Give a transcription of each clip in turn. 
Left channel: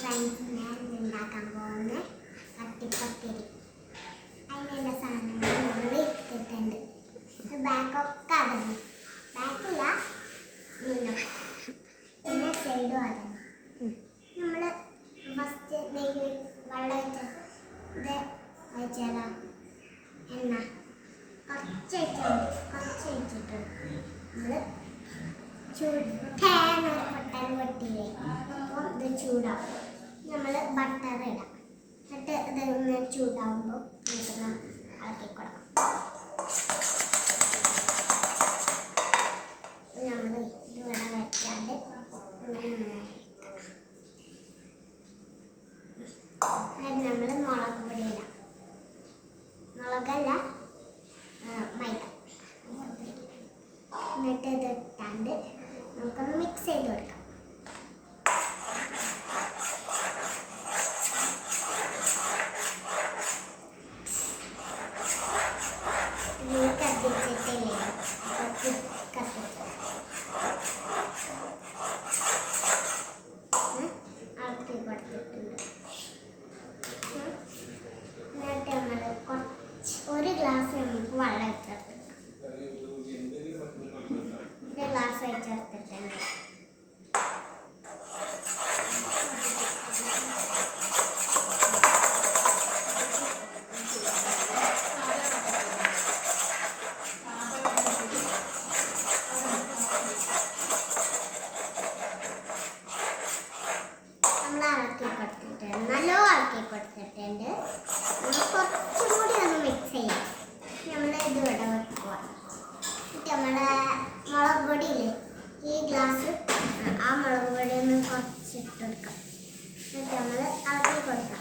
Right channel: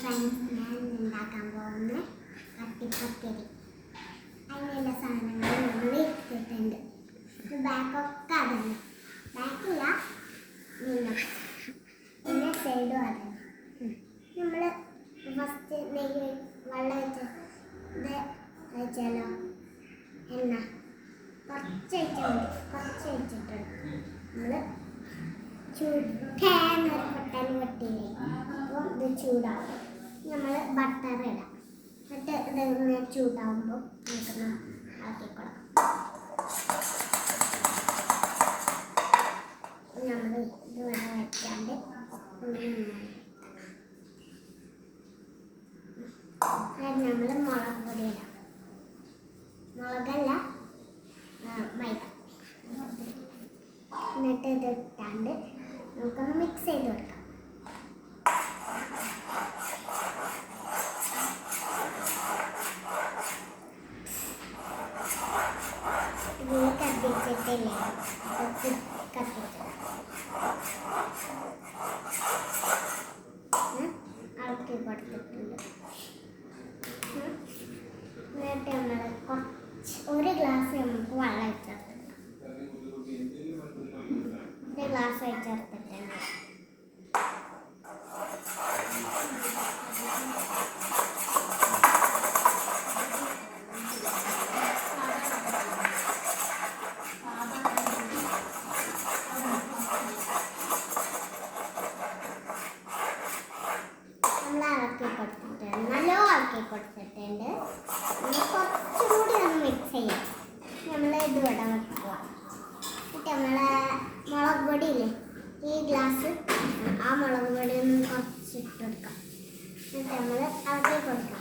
Friends, ഞാൻ ഉണ്ടാക്കാൻ പോകുന്ന കട്ടിപ്പത്തിരി. അതിനുള്ള സാധനങ്ങൾ നമ്മൾ ഇട്ടിട്ടുണ്ട്. ബാക്കൊക്കെ അതന്നെ, ബാക്കില്ല പിന്നെ സൈഡും അതന്നെ. നമ്മൾ ഫസ്റ്റ് നെയ്യ് വെള്ളം ഒഴിച്ചാലോ, എണ്ണ കുറച്ച് ഒഴിച്ചിട്ട് നമ്മൾ തേങ്ങ ഒരു പൊട്ടാൻ വെട്ടിയില്ലേ, അപ്പോൾ ഇത് ചൂടാവും. നമ്മൾ ബട്ടർ ഇടാം. എന്നിട്ട് ഇതൊന്ന് ചൂടാവുമ്പോൾ നമുക്കൊന്ന് ഇളക്കി കൊടുക്കാം. നമ്മൾ ഇതിവിടെ വെക്കാണ്ട് നമ്മൾ മുളക് പൊടി ഇടാം. മുളകല്ല, മൈദ. എന്നിട്ട് ഇത് ഇട്ടാണ്ട് നമുക്കൊന്ന് മിക്സ് ചെയ്ത് കൊടുക്കാം. ആക്കി കൊടുത്തിട്ടുണ്ട്. എന്നിട്ട് നമ്മൾ ഒരു ഗ്ലാസ് നമുക്ക് വെള്ളം വെച്ചെടുത്തിട്ടുണ്ട്. ഒരു ഗ്ലാസ് വെച്ചെടുത്തിട്ടുണ്ട്. നല്ലോണം ആക്കി കൊടുത്തിട്ടുണ്ട്. കുറച്ചുകൂടി ഒന്ന് മിക്സ് ചെയ്യാം. നമ്മൾ ഇത് ഇവിടെ വെക്കുക. നമ്മളെ മുളക് പൊടിയില്ലേ, ഈ ഗ്ലാസ് ആ മുളക് പൊടി ഒന്ന് കുറച്ചിട്ടെടുക്കാം. എന്നിട്ട് നമ്മൾ ഇളക്കി കൊടുക്കാം.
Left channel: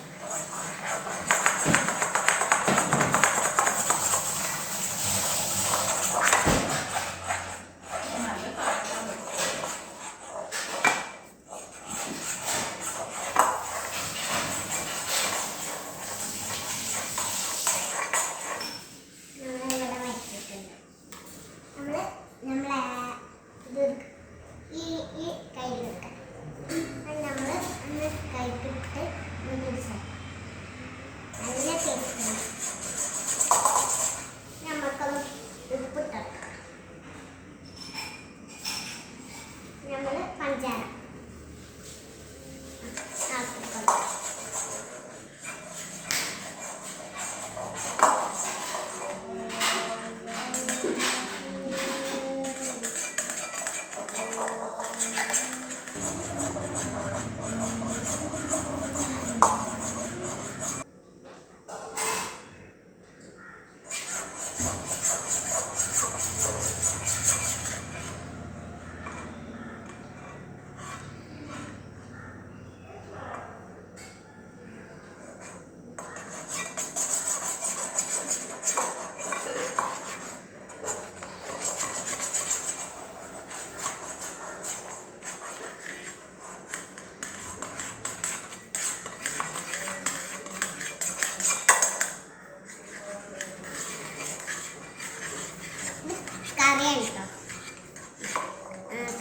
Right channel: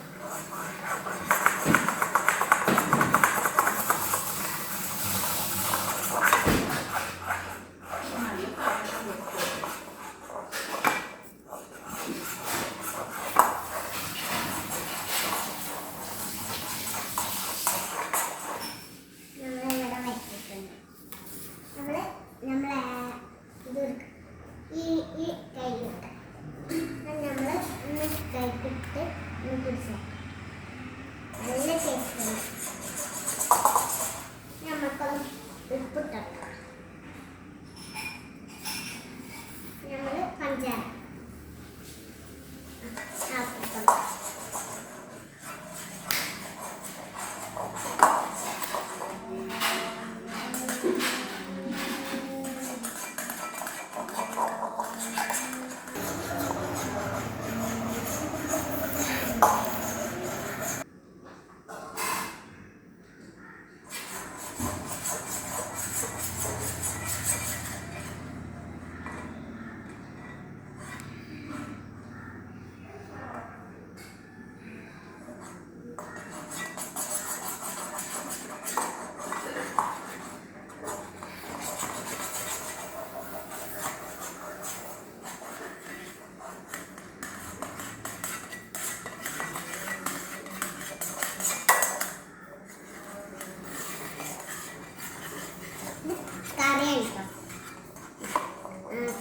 ഈ കയ്യിലെടുക്കാം. നമ്മൾ ഒന്ന് കൈപ്പിട്ട് പിടിച്ചാൽ നല്ല ടേസ്റ്റ്. നമുക്കൊന്ന് ഉപ്പിട്ടെടുക്കാം. നമ്മൾ പഞ്ചാര ആക്കിക്കൊടുക്കാം.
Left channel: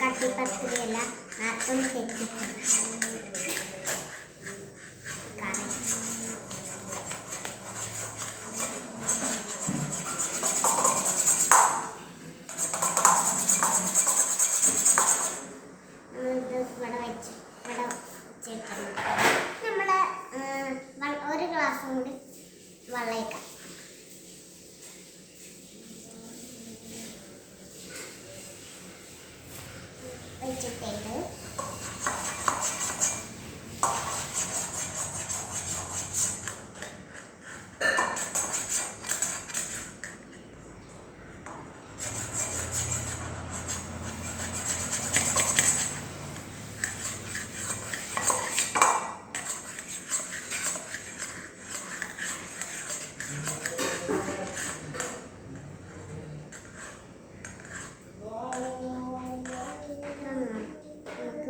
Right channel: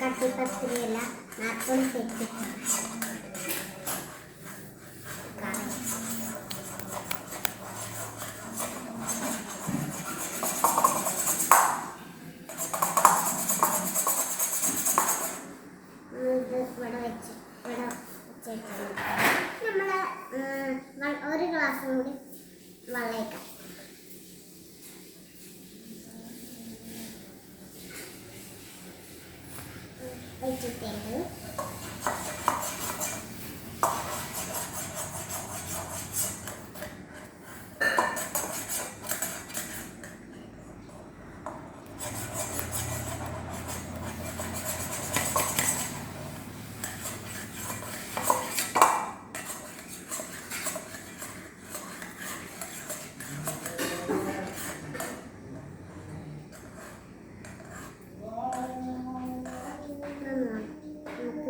കട്ടിപ്പത്തിരിയല്ല, നാട്ടും തെറ്റി നമ്മുടെ ഒരു ഗ്ലാസ് കൂടി വെള്ളയിക്കാം. വെച്ചിട്ടുണ്ട്.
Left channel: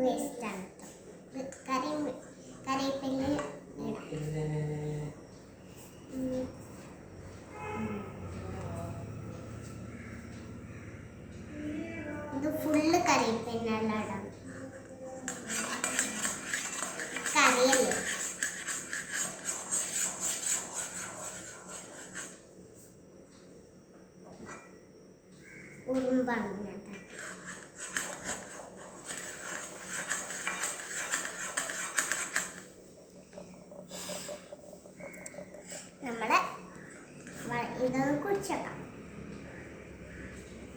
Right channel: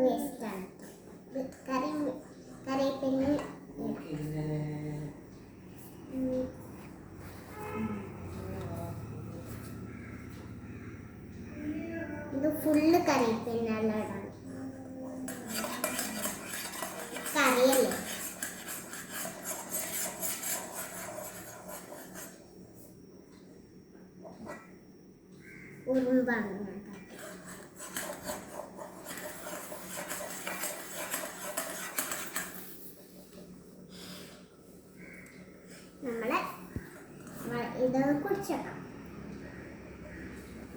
വേസ്റ്റാണ്. കറിവേപ്പില ഇത് ഫുള്ള് കറിവേപ്പില ഇടാം. അറിയല്ലേ. ഉറുമ്പാണ് ഞാൻ നമ്മളെ ഇതൊന്ന് കുടിച്ചോക്കാം.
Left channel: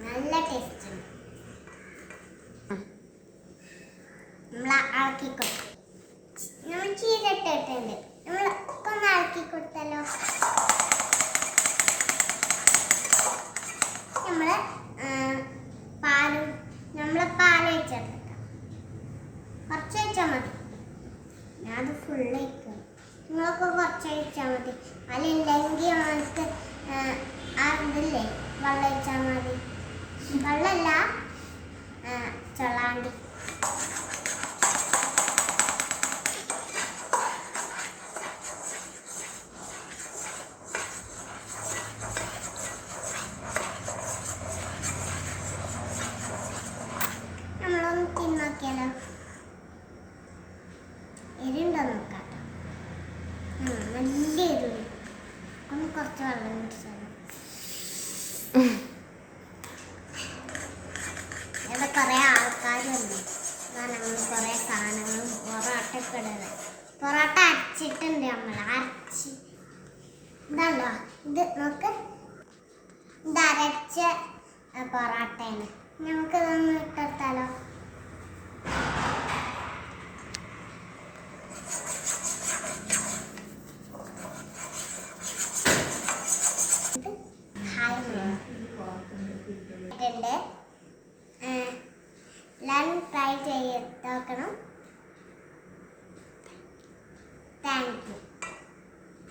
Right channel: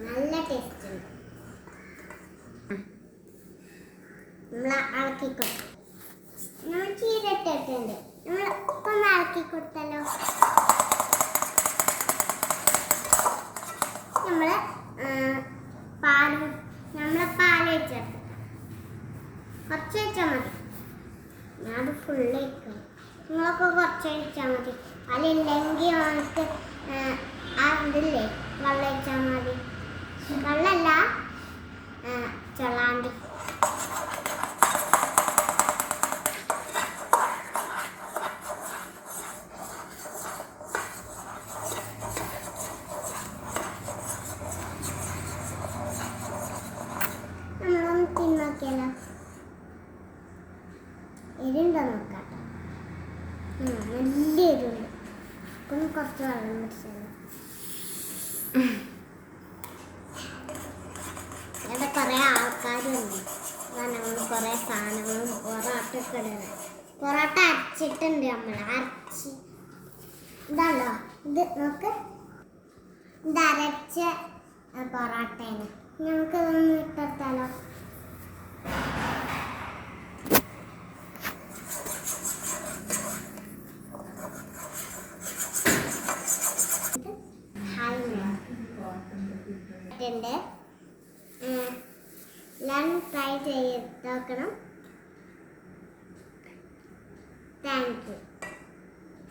നല്ല ടേസ്റ്റ് ഉണ്ട്. നമ്മൾ ഇളക്കിക്കൊടുക്കും. നമ്മൾ ചീര ഇട്ടിട്ടുണ്ട്. നമ്മൾ ഒന്ന് ഇളക്കി കൊടുത്താലോ. പാൽ വെച്ചെടുക്കും. കുറച്ച് വെച്ചാൽ മതി. ഞാനത് ഫുള്ള് വയ്ക്കും. നിങ്ങൾക്ക് കുറച്ച് വെച്ചാൽ മതി. അതില്ലെങ്കിൽ നമുക്ക് അതില്ലേ വെള്ളം വെച്ചാൽ മതി. വെള്ളമല്ല, ചൊള്ളാണ്ടി. നമ്മളൊന്ന് തിന്നോക്കിയാലോ. എരിണ്ടോ നോക്കാം. നല്ല എരിവ്. ഒന്ന് കുറച്ച് വെള്ളം കുടിച്ചാലോ. ഇവിടെ കുറേ ആൾക്കാരുണ്ട്. ഞങ്ങൾ കുറേ സാധനങ്ങളും പൊറോട്ടയൊക്കെ ഇടുന്നത്. പൊറോട്ട അരച്ചിട്ടുണ്ട്. നമ്മൾ അരച്ച് ഇതല്ലോ. ഇത് നോക്ക്, ഇത് അരച്ച പൊറോട്ടയാണ്. നമുക്കിതൊന്ന് ഇട്ടെടുത്താലോ. എല്ലാവരും ട്രൈ ചെയ്ത് നോക്കണം. Thank you.